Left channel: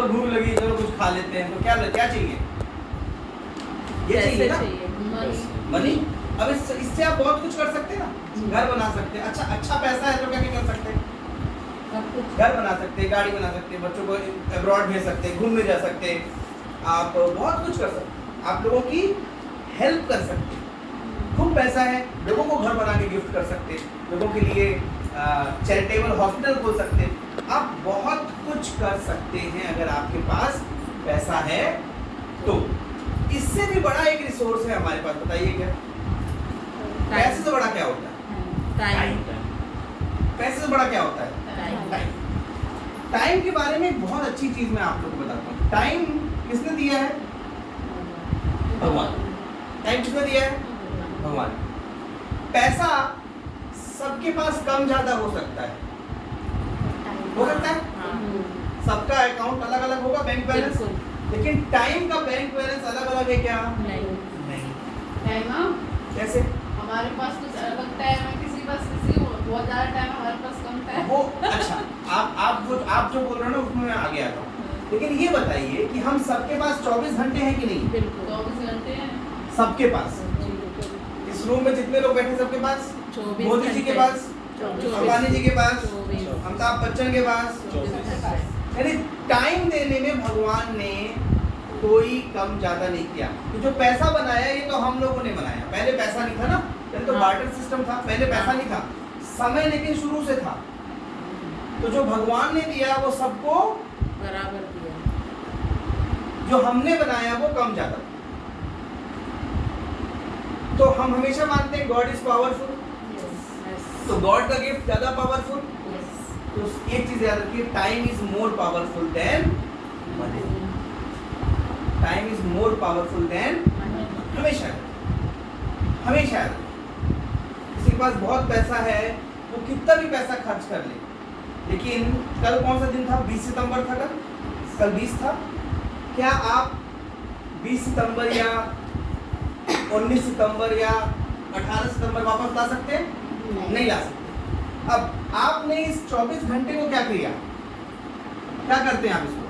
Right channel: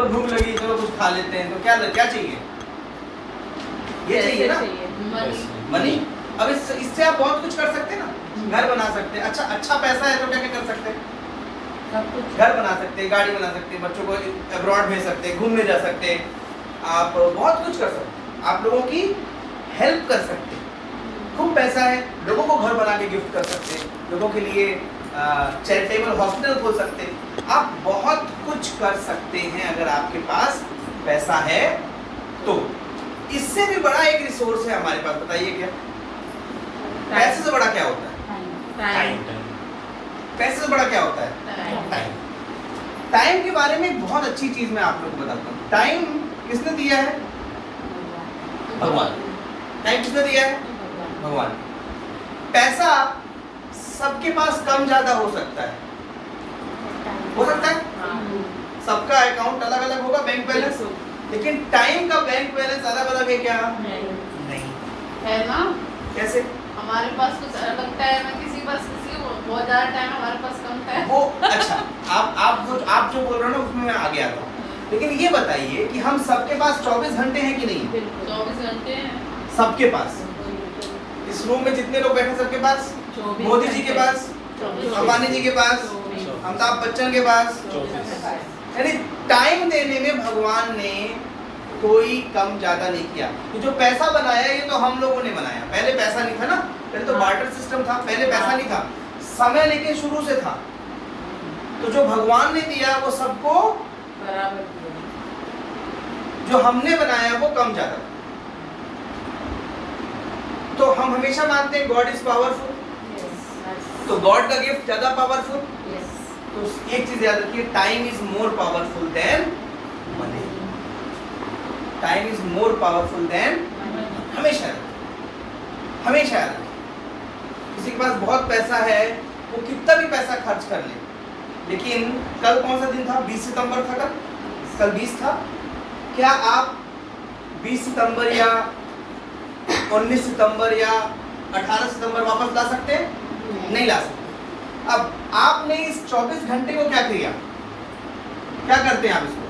चलो भूख लगी, चलो कुछ खा लेते हैं, तो क्या क्या चाहिए? ये चाहिए ना, मनी। अब इससे आप बहुत कुछ कर सकते हैं ना, घर बना सकते हैं। अच्छा पैसा है तो क्या क्या कर सकते हैं? घर बना सकते हैं, गाड़ी बना सकते हैं, बच्चों को अब्रॉड भेज सकते हैं, घूमने जा सकते हैं, आप बहुत कुछ कर सकते हैं, आप लोगों की हेल्प कर सकते हैं। खूब पैसा है, लोगों को घर बना के गिफ्ट कर सकते हैं, लोगों के लिए चैरिटेबल हॉस्पिटल खोल सकते हैं, आप बहुत कुछ कर सकते हैं अगर आपके पास पैसा है तो। इससे भी बड़ा एक रिसोर्स है हमारे पास, बताइए क्या? पैसे से बड़ा क्या होता है? टाइम। पैसे से बड़ा क्या होता है? टाइम। टाइम के बारे में एक बहुत अच्छी चीज मैं आप लोगों को बताता हूँ। टाइम किसने दिया है? भगवान। टाइम किसने दिया है? भगवान। पैसा सबके पास कम ज्यादा हो सकता है, हो सकता है, सबका अकाउंट अलग अलग होगा, बैंक बैलेंस, लेकिन टाइम का बैंक बैलेंस अलग अलग है क्या? नहीं है ना। कैसे? हमारे पास कुछ अलग टाइम है, किसी पास बहुत ज्यादा टाइम, हमारे पास कम टाइम। वो अच्छा, आप जो बोल रहे हो ना उसमें मैं आगे आता हूँ, लेकिन ये बताइए कि हम सबके पास 24 घंटे हैं कि नहीं? 24 घंटे हैं सबके पास। इस रूम में जितने लोग बैठे सबके पास, मोदी जी के पास, अंबानी जी के पास, अमिताभ बच्चन के पास, यानी टाइम देने में भगवान ने कोई कम ज्यादा नहीं किया। तो जो पैसा बनाया ये तो हम लोगों ने बनाया, पहले पैसा नहीं था ना, पहले तो बार्टर सिस्टम था, पहले पैसा नहीं था, समय लेकिन शुरू से था। तो जो भगवान ने दिया वो सबको बराबर दिया, जो हमने बनाया वो कम ज्यादा। तो हम हमेशा मानते हैं गॉड इज पावरफुल, तो गॉड का गिफ्ट ज्यादा पावरफुल। तो एक चीज याद रखिए, time is more powerful than money. Time is more powerful than, हमेशा हमेशा याद रखिए। किसी के पास बहुत पैसा है, वो कितना भी पैसा खर्च कर ले, लेकिन कल कौन सा दिन था? 20 सितंबर था। कल 20 था। क्या आप 20 सितंबर या 19 सितंबर या 18 सितंबर वापस ला सकते हैं? नहीं ला सकते। अब आपने इस 24 घंटे को क्या किया? क्या करते हैं आप इसको?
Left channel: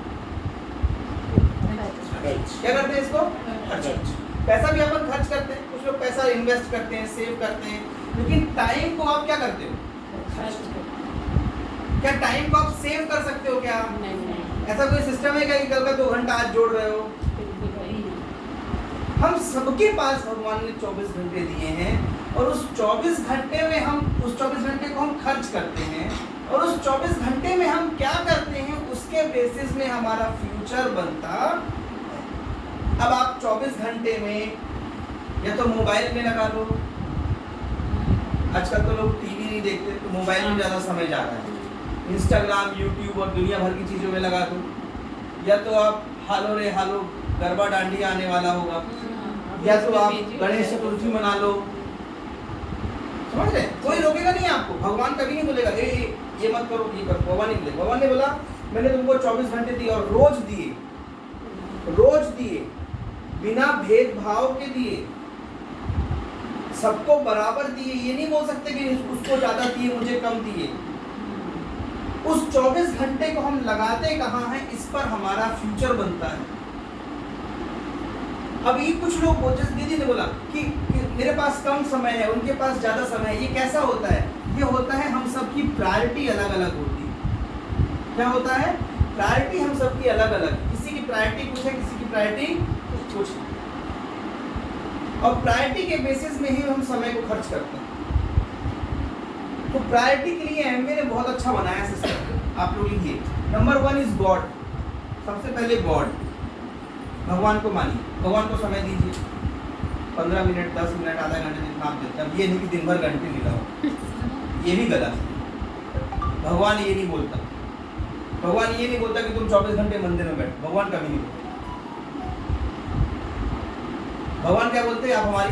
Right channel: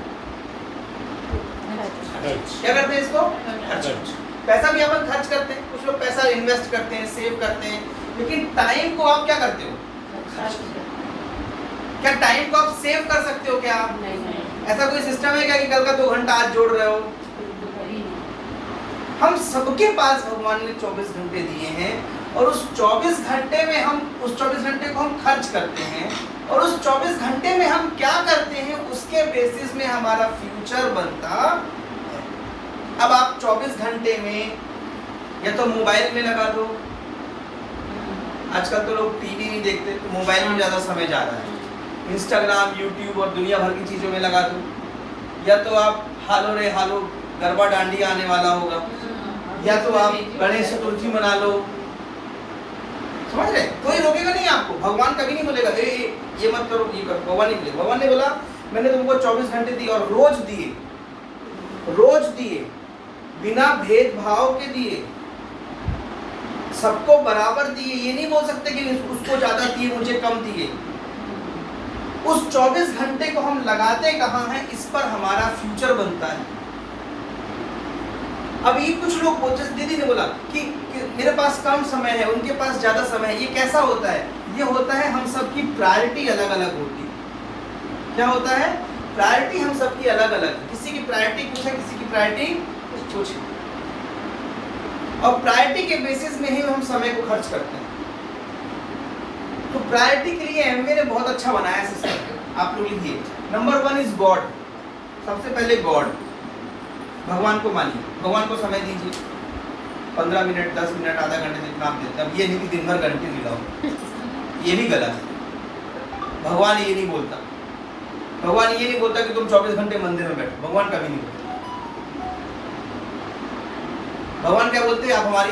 क्या करते हैं इसको? खर्च। पैसा भी अपन खर्च करते हैं, कुछ लोग पैसा इन्वेस्ट करते हैं, सेव करते हैं, लेकिन टाइम को आप क्या करते हो? क्या टाइम को आप सेव कर सकते हो क्या? नहीं। ऐसा कोई सिस्टम है क्या कि कल का 2 घंटा आज जोड़ रहे हो? हम सबके पास भगवान ने 24 घंटे दिए हैं, और उस 24 घंटे में हम उस 24 घंटे को हम खर्च करते हैं, और उस 24 घंटे में हम क्या करते हैं उसके बेसिस में हमारा फ्यूचर बनता है। अब आप 24 घंटे में या तो मोबाइल में लगा दो, आजकल तो लोग टीवी नहीं देखते, तो मोबाइल में ज़्यादा समय जा रहा है, इंस्टाग्राम, यूट्यूब और दुनिया भर की चीज़ों में लगा दो, या तो आप हालो रे हालो गरबा डांडिया आने वाला होगा, या तो आप गणेश चतुर्थी मना लो, समझ रहे? कोई रोकेगा नहीं आपको, भगवान कभी नहीं बोलेगा ये मत करो, ये करो, भगवान नहीं बोलेगा। भगवान ने बोला मैंने तुमको 24 घंटे दिए, और रोज दिए, बिना भेदभाव के दिए, सबको बराबर दिए। ये नहीं बोल सकते कि उसको ज्यादा दिए मुझे कम दिए। उस 24 घंटे को हम लगाते कहाँ हैं, इस पर हमारा फ्यूचर बनता है। अब ये कुछ लोग बोलते, दीदी ने बोला कि मेरे पास कम समय है, उनके पास ज्यादा समय है, ये कैसा होता है? ये होता है हम सबकी प्रायोरिटी अलग अलग होती है। क्या होता है? प्रायोरिटी हम सबकी अलग अलग, किसी की प्रायोरिटी कुछ है, किसी की प्रायोरिटी कुछ है, और प्रायोरिटी के बेसिस में ही हम समय को खर्च करते हैं। तो प्रायोरिटी के लिए एमवे ने बहुत अच्छा बनाया सिस्टम, आप लोग लिखिए। Number 1 is God. सबसे पहले गॉड, भगवान को मानिए, भगवान को समय दीजिए, 15 मिनट, 10 मिनट, आधा घंटे जितना आप देते हैं। ये नहीं कि दिन भर घंटे मिलाओ, ये भी गलत है। भगवान ये नहीं बोलता, भगवान ये नहीं बोलता कि तुम 24 घंटे मंदिर में बैठो, भगवान कभी नहीं बोलता। भगवान क्या बोलते हैं? आप हमारी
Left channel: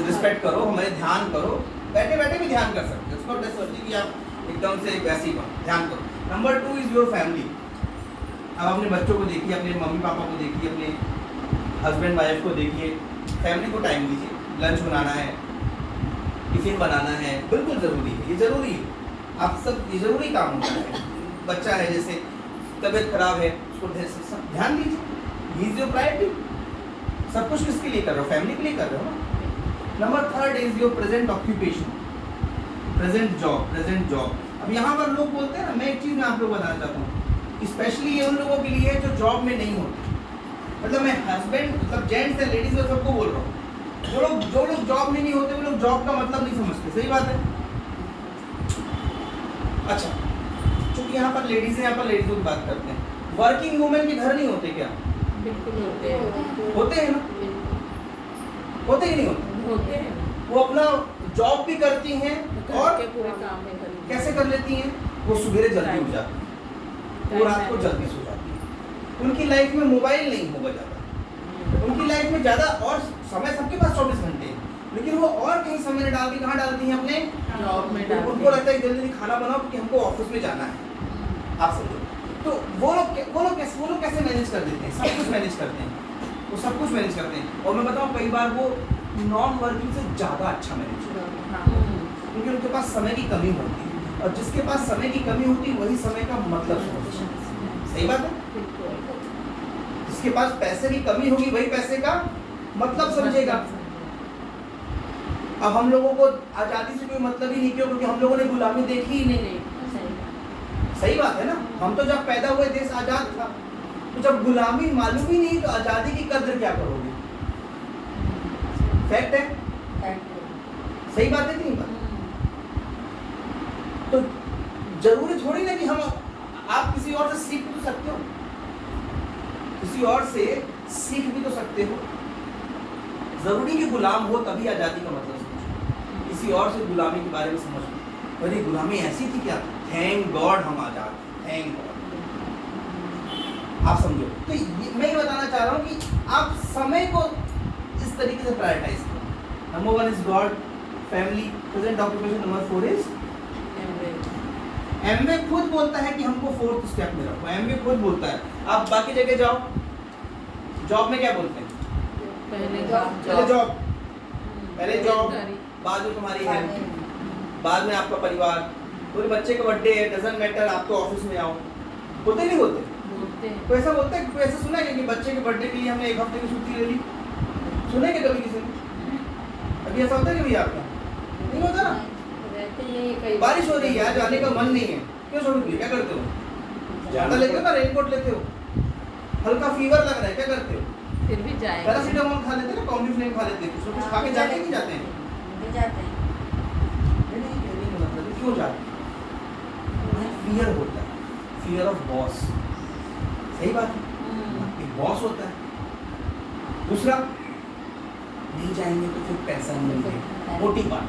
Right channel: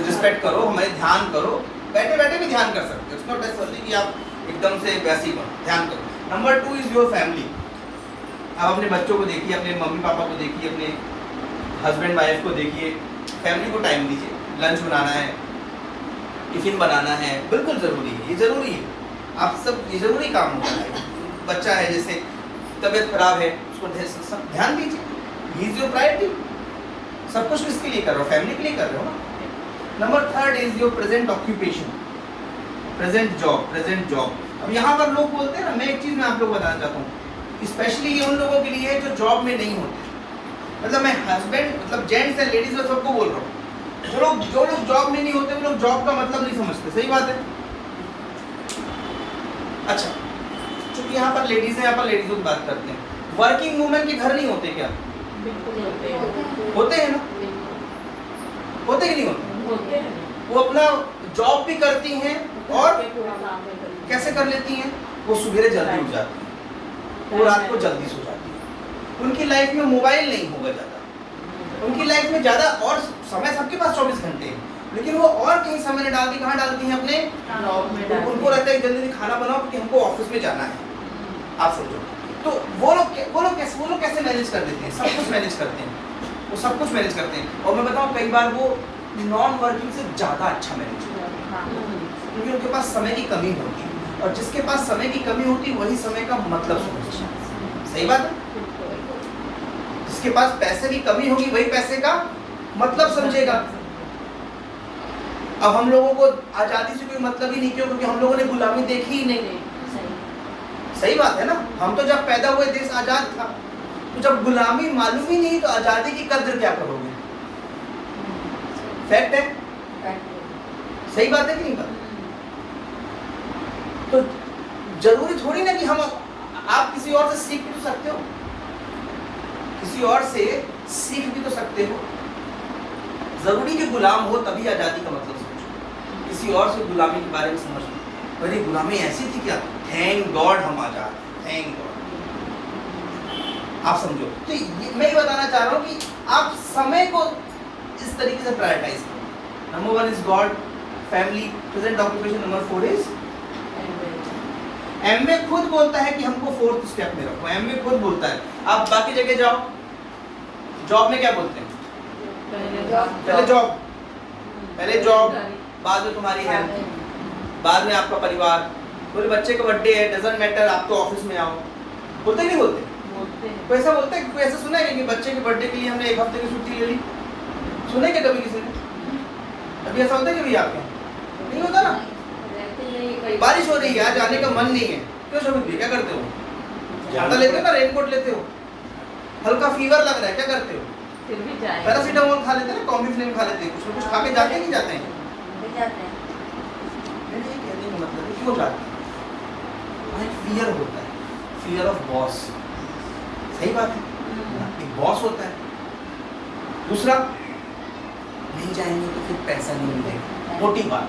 रिस्पेक्ट करो, हमारे ध्यान करो, बैठे बैठे भी ध्यान कर सकते हो, इट्स नॉट नेसेसरी कि आप एकदम से वैसे ही करो, ध्यान करो। Number 2 is your family. आप अपने बच्चों को देखिए, अपने मम्मी पापा को देखिए, अपने हस्बैंड वाइफ को देखिए, फैमिली को टाइम दीजिए। लंच बनाना है, टिफिन बनाना है, बिल्कुल ज़रूरी है, ये ज़रूरी है। आप सब ये ज़रूरी काम होता है। बच्चा है, जैसे तबीयत खराब है, उसको ध्यान दीजिए, ही इज योर प्रायोरिटी। सब कुछ किसके लिए कर रहे हो? फैमिली के लिए कर रहे हो ना। Number third is your present occupation, present job. अब यहाँ पर लोग बोलते हैं ना, मैं एक चीज में आप लोग बताना चाहता हूँ, स्पेशली ये उन लोगों के लिए है जो जॉब में नहीं होते। मतलब मैं हस्बैंड, मतलब जेंट्स एंड लेडीज में सबको बोल रहा हूँ, जो लोग जॉब में नहीं होते वो लोग जॉब का मतलब नहीं समझते। सही बात है। अच्छा, चूंकि यहाँ पर लेडीज है, यहाँ पर लेडीज की बात करते हैं। वर्किंग वुमेन के घर नहीं होते क्या? बिल्कुल होते हैं। होते हैं ना? होते कि नहीं होते? होते हैं। वो अपना जॉब भी करती हैं और कैसे कर लेती हैं? वो सुबह जल्दी उठ जाती हैं, वो रात को जल्दी सो जाती हैं। उनकी लाइफ में मोबाइल नहीं होगा ज़्यादा, उनकी लाइफ में ज़्यादा और समय, सबके पास 24 घंटे हैं, लेकिन वो और कहीं समय नहीं डालती। कहाँ डालती हैं? अपने जॉब में डालती उनको रहता है जल्दी खाना बनाओ क्योंकि हमको ऑफिस में जाना है। आप समझो, तो वो लोग कैसे मैनेज कर देते हैं? सब कुछ मैनेज करते हैं, वो सब कुछ मैनेज करते हैं। और मैं बताऊँ, कई बार वो नॉन वर्किंग से ज़्यादा अच्छा मैनेज करते हैं, क्योंकि उनके पास समय की कमी होती है, और जिसके पास समय की कमी होती है वही समय का मतलब समझता है। सही बात है। जिसके पास पैसे की कमी होगी वही पैसे का मतलब समझेगा। अब हम लोगों को आज़ादी से कोई मतलब ही नहीं, क्यों? क्योंकि हम लोगों ने गुलामी देखी ही नहीं। सही बात है ना। हम तो जब पैदा हुए देश आज़ाद था, तो जब गुलामी मालूम ही नहीं तो आज़ादी की कद्र क्या करोगे? फैक्ट है। सही बात है कि नहीं बात? तो जरूरी थोड़ी ना कि हम, आप किसी और से सीख भी तो सकते हो, किसी और से सीख भी तो सकते हो। जरूरी कि गुलाम हो तभी आज़ादी का मतलब समझो। किसी और से गुलामी के बारे में समझ लो, अरे गुलामी ऐसी थी क्या? थैंक गॉड हम आज़ाद, थैंक गॉड। आप समझो। तो मैं ये बताना चाह रहा हूँ कि आप समय को इस तरीके से प्रायोरिटाइज करो। Number 1 is God, family, present occupation. Number 4 is Amway खुद बोलता है कि हमको 4th स्टेप में रखो। एमवे खुद बोलता है। आप बाकी जगह जाओ, जॉब में क्या बोलते हैं? पहले जॉब, बाद में तुम्हारी हेल्थ, बाद में आपका परिवार। बोले बच्चे का बर्थडे है, डजंट मैटर, आप तो ऑफिस में आओ। बोलते नहीं बोलते? कोई ऐसा बोलता है? कोई ऐसा सुना है कि बच्चे के बर्थडे के लिए हमने 1 हफ्ते की छुट्टी ले ली? सुने क्या कभी किसी ने? अभी ऐसा होता है कि भैया आपके नहीं होता ना? बारिश हो रही है, आज जाने का मन नहीं है, क्यों शोभित, क्या करते हो? छाता लेते हो ना, रेनकोट लेते हो। हल्का फीवर लग रहा है, क्या करते हो? फिर भी जाएंगे। पैरासीटामोल खा लेते हैं ना, कॉम्बिफ्लेम खा लेते हैं, कुछ ना कुछ खा के जाते नहीं जाते हैं? नहीं कहने का मतलब है क्यों जाते हैं? वहाँ एक फियर होता है, फियर ऑफ बॉस। सही बात है, एक बॉस होता है। दूसरा, नहीं जाएंगे तो फिर पैसा नहीं मिलेगा। मोटी बात,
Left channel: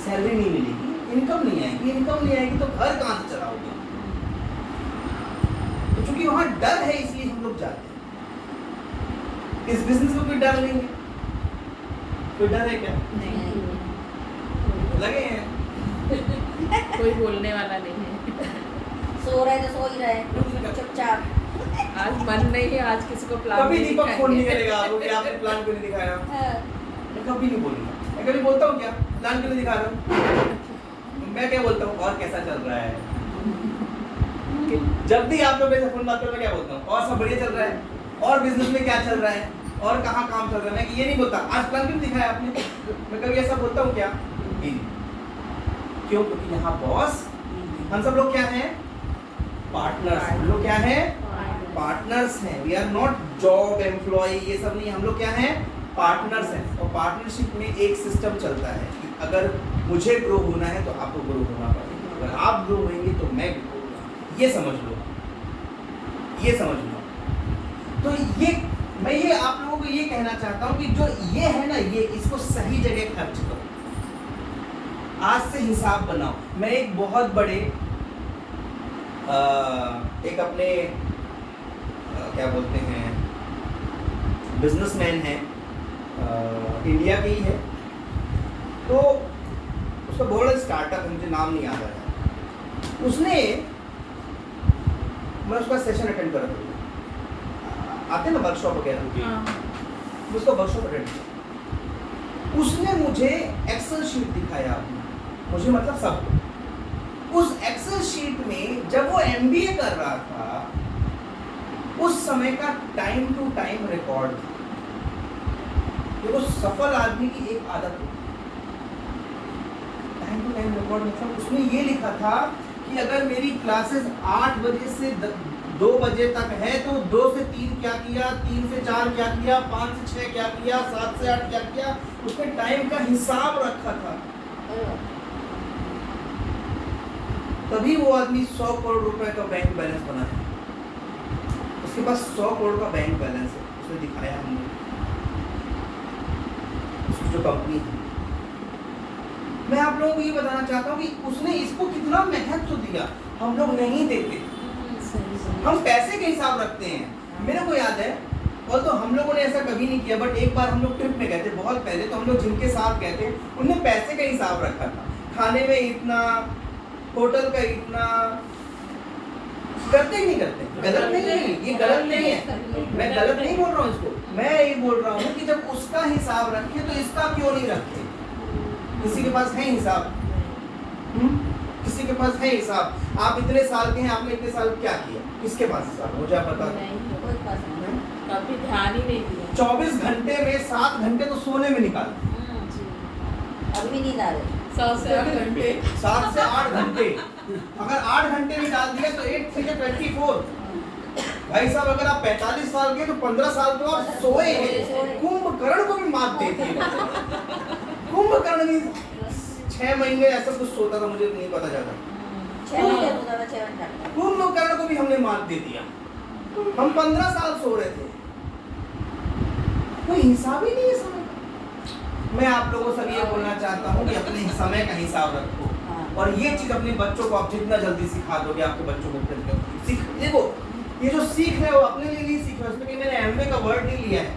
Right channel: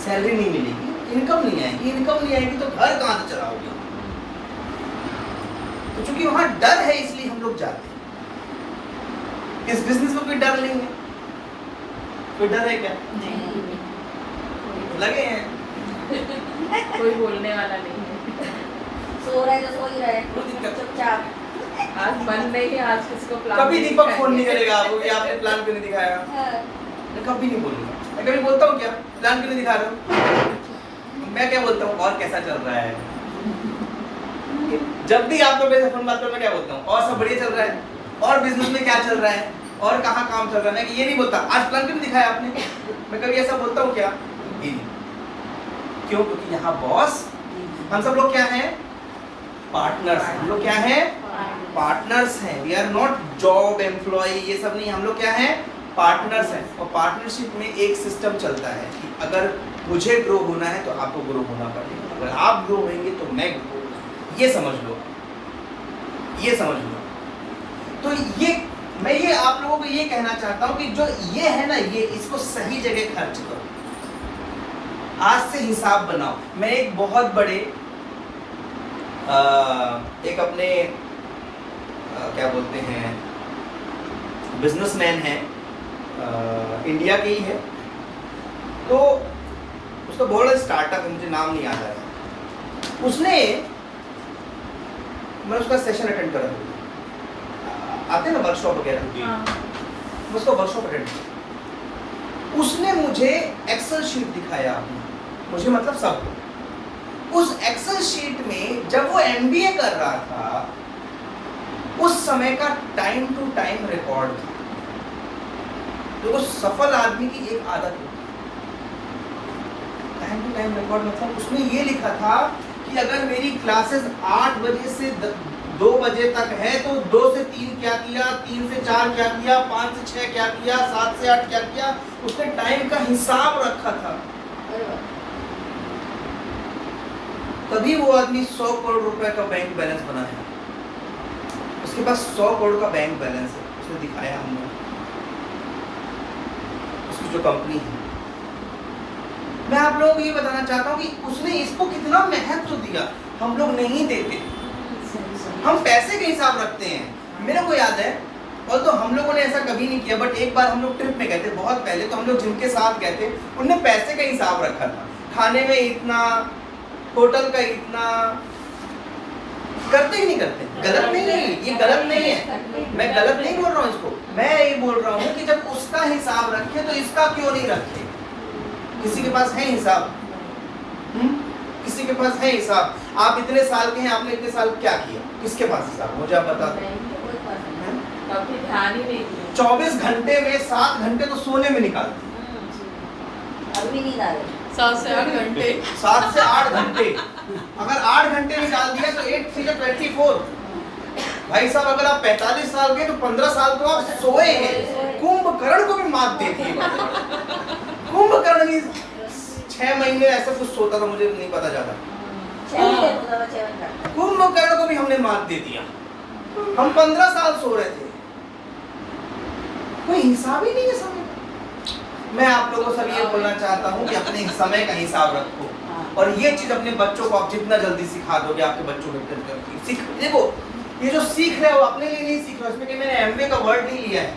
सैलरी नहीं मिलेगी, इनकम नहीं आएगी। इनकम नहीं आएगी तो घर कहाँ से चलाओगे? तो चूंकि वहाँ डर है इसलिए हम लोग जाते हैं। इस बिजनेस में कोई डर नहीं है। कोई डर है क्या? लगे हैं कोई बोलने वाला नहीं है। सो रहा है तो सो ही रहा है, चुपचाप। आज मन नहीं है, आज किसी को प्लान कभी नहीं दीपक फोन नहीं दिखाएंगे। करेगा आपको कि आपने प्लान क्यों नहीं दिखाया। हाँ। मैं कभी नहीं बोलूंगा। मैं कभी बोलता हूँ क्या प्लान क्यों नहीं दिखा रहे हो? मैं क्या बोलता हूँ, और कैसा चल रहा है? जब भी आप लोग फोन बात करो, मैं क्या बोलता हूँ, और सब बढ़िया चल रहा है, और बिजनेस में क्या चल रहा है, और कहाँ काम चल रहा है। मैं ये नहीं बोलता आज प्लान क्यों नहीं दिखाया आपने। मैं कभी ऐसा बोलता हूँ क्या? क्यों? क्योंकि यहाँ बॉस, हम सब लोग क्या हैं? पार्टनर्स। हम लोग क्या हैं? पार्टनर्स हैं। We are not job employ, ये सब नहीं। हम लोग क्या हैं? पार्टनर्स हैं। और पार्टनरशिप में एक सिस्टम चलता है कि अगर मुझे ग्रो होना है तो आपको ग्रो होना पड़ेगा, अगर आप ग्रो होंगे तो मैं ग्रो होगा। ये समझ लो, ये समझ लो। तो ये मैं ये आप लोगों को ये कहना चाहता हूँ कि जो ये है ना, ये इसको सही जगह खर्च करो। आज से हिसाब बनाओ। मैं एक बहुत बड़े एक अपने क्या बोलते हैं, बिजनेसमैन है, इंडिया के ही है। तो उसका बहुत बड़ा स्टार्टअप है, मुझे नाम नहीं याद आया। उसने, मैं उसका सेशन अटेंड कर रहा था, आते ना वर्कशॉप वगैरह, मैं उसका वर्कशॉप अटेंड किया। उसने मुझे एक्सेल शीट दिखाया, मुझे मतलब सब। उस एक्सेल शीट में जब वो एमबीए कर रहा था समय का टाइम टू टाइम रिकॉर्ड था। देखो सफल आदमी की एक आदत है टाइम टू टाइम रिकॉर्ड, मतलब उसमें ये लिखा था कि अगर मेरी क्लासेस 8 बजे से 2 बजे तक है तो 2 से 3 क्या किया, 3 से 4 क्या किया, 5 से 6 क्या किया, 7 से 8 क्या किया, उसने टाइम का हिसाब रखा था। तभी वो आदमी 100 करोड़ रुपए का बैंक बैलेंस बनाया। उसके पास 100 करोड़ का बैंक बैलेंस है, उसने दिखाया हमने, उसकी जो कंपनी है। मैं आप लोगों को ये बताना चाहता हूँ कि उसने इसको कितना महत्व दिया, हम लोग नहीं देते। हम पैसे का हिसाब रखते हैं। मेरे को याद है, और तो हम लोगों ने ऐसा कभी नहीं किया, बट एक बार हम लोग ट्रिप में गए थे बहुत पहले, तो हम लोग जिनके साथ गए थे उनने पैसे का हिसाब रखा था, खाने में इतना, होटल का इतना। करते ही नहीं करते, गलत नहीं है ये, गलत नहीं है, मैं गलत नहीं बोल रहा हूँ इसको, मैं ये बोल रहा हूँ कि जब उसका हिसाब रखे तो इसका क्यों नहीं रखे। किसी के पास है हिसाब, किसी के पास है हिसाब। आप इतने साल के हैं, आपने इतने साल क्या किया, किसके पास हिसाब, मुझे आप बता दो। कभी ध्यान ही नहीं दिया। 24 घंटे में 7 घंटे तो सोने में निकालते, अभी नहीं डाले 7 से 8 घंटे। 7 से 8 घंटे, अगर 8 घंटे निकाल दिया तो 8 से 24। भाई साहब अगर आप 45 साल के तो 15 साल तो आप सोए हैं। कुंभकर्ण को भी मात देती है। कुंभकर्ण भी 6 महीने ऐसा कुछ सोता था, मुझे नहीं पता ज्यादा। कुंभकर्ण को भी हमने मात दे दिया। हम 15 साल सो रहे थे, कोई हिसाब ही नहीं है समय का। मैं आप लोगों से ये बोलना चाहता हूँ कि अपने समय का हिसाब रखो, और ये चीज अपने बच्चों को आप जितना जल्दी सिखा दोगे, आपके बच्चों को सीख। देखो ये जो सीख रहे हो अपने लिए नहीं सीख रहे हो, इसमें कि मैंने एमबीए का वर्ड नहीं लिया है,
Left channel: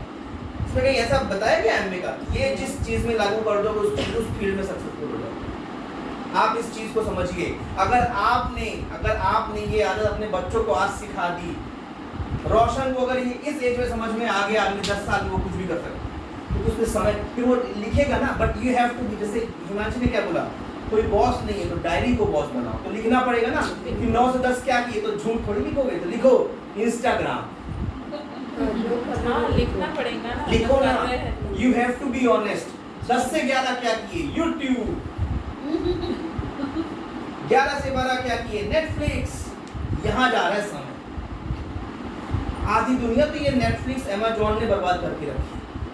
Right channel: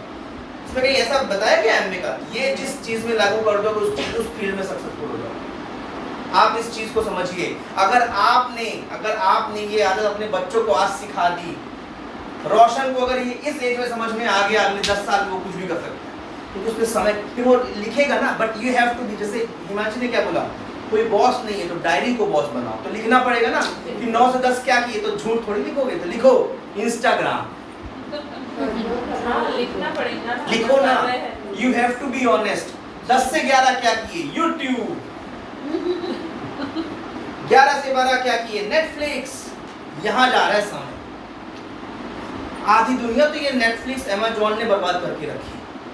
इसमें कहीं ऐसा बताया गया एमबीए का, ये जिस चीज में लागू कर दोगे उस फील्ड में सक्सेसफुल हो जाओगे। आप इस चीज को समझिए। अगर आपने ये आदत अपने बच्चों को आज सिखा दी, रोशन को अगर ये इस एज में समझ में आ गया, अगले 10 साल में वो कुछ भी कर सकता है, क्योंकि उसके समय फिर वो लिखेगा ना। But you have to be, जैसे हिमांशी ने क्या बोला, कोई बॉस नहीं है तो डायरी को बॉस बनाओ, तो लिखना पड़ेगा ना कि 9 से 10 क्या किए, तो झूठ थोड़ी लिखोगे, तो लिखो इंस्टाग्राम, लिखना पड़ेगा ना, लिखो ना, you have to be honest. 10 से 11 क्या किए, यूट्यूब। 11 से 12 क्या किए, नेटफ्लिक्स। यहाँ जा रहा है समय। आधी दुनिया तो ये नेटफ्लिक्स, अमेज़न ने बर्बाद करके रखी है।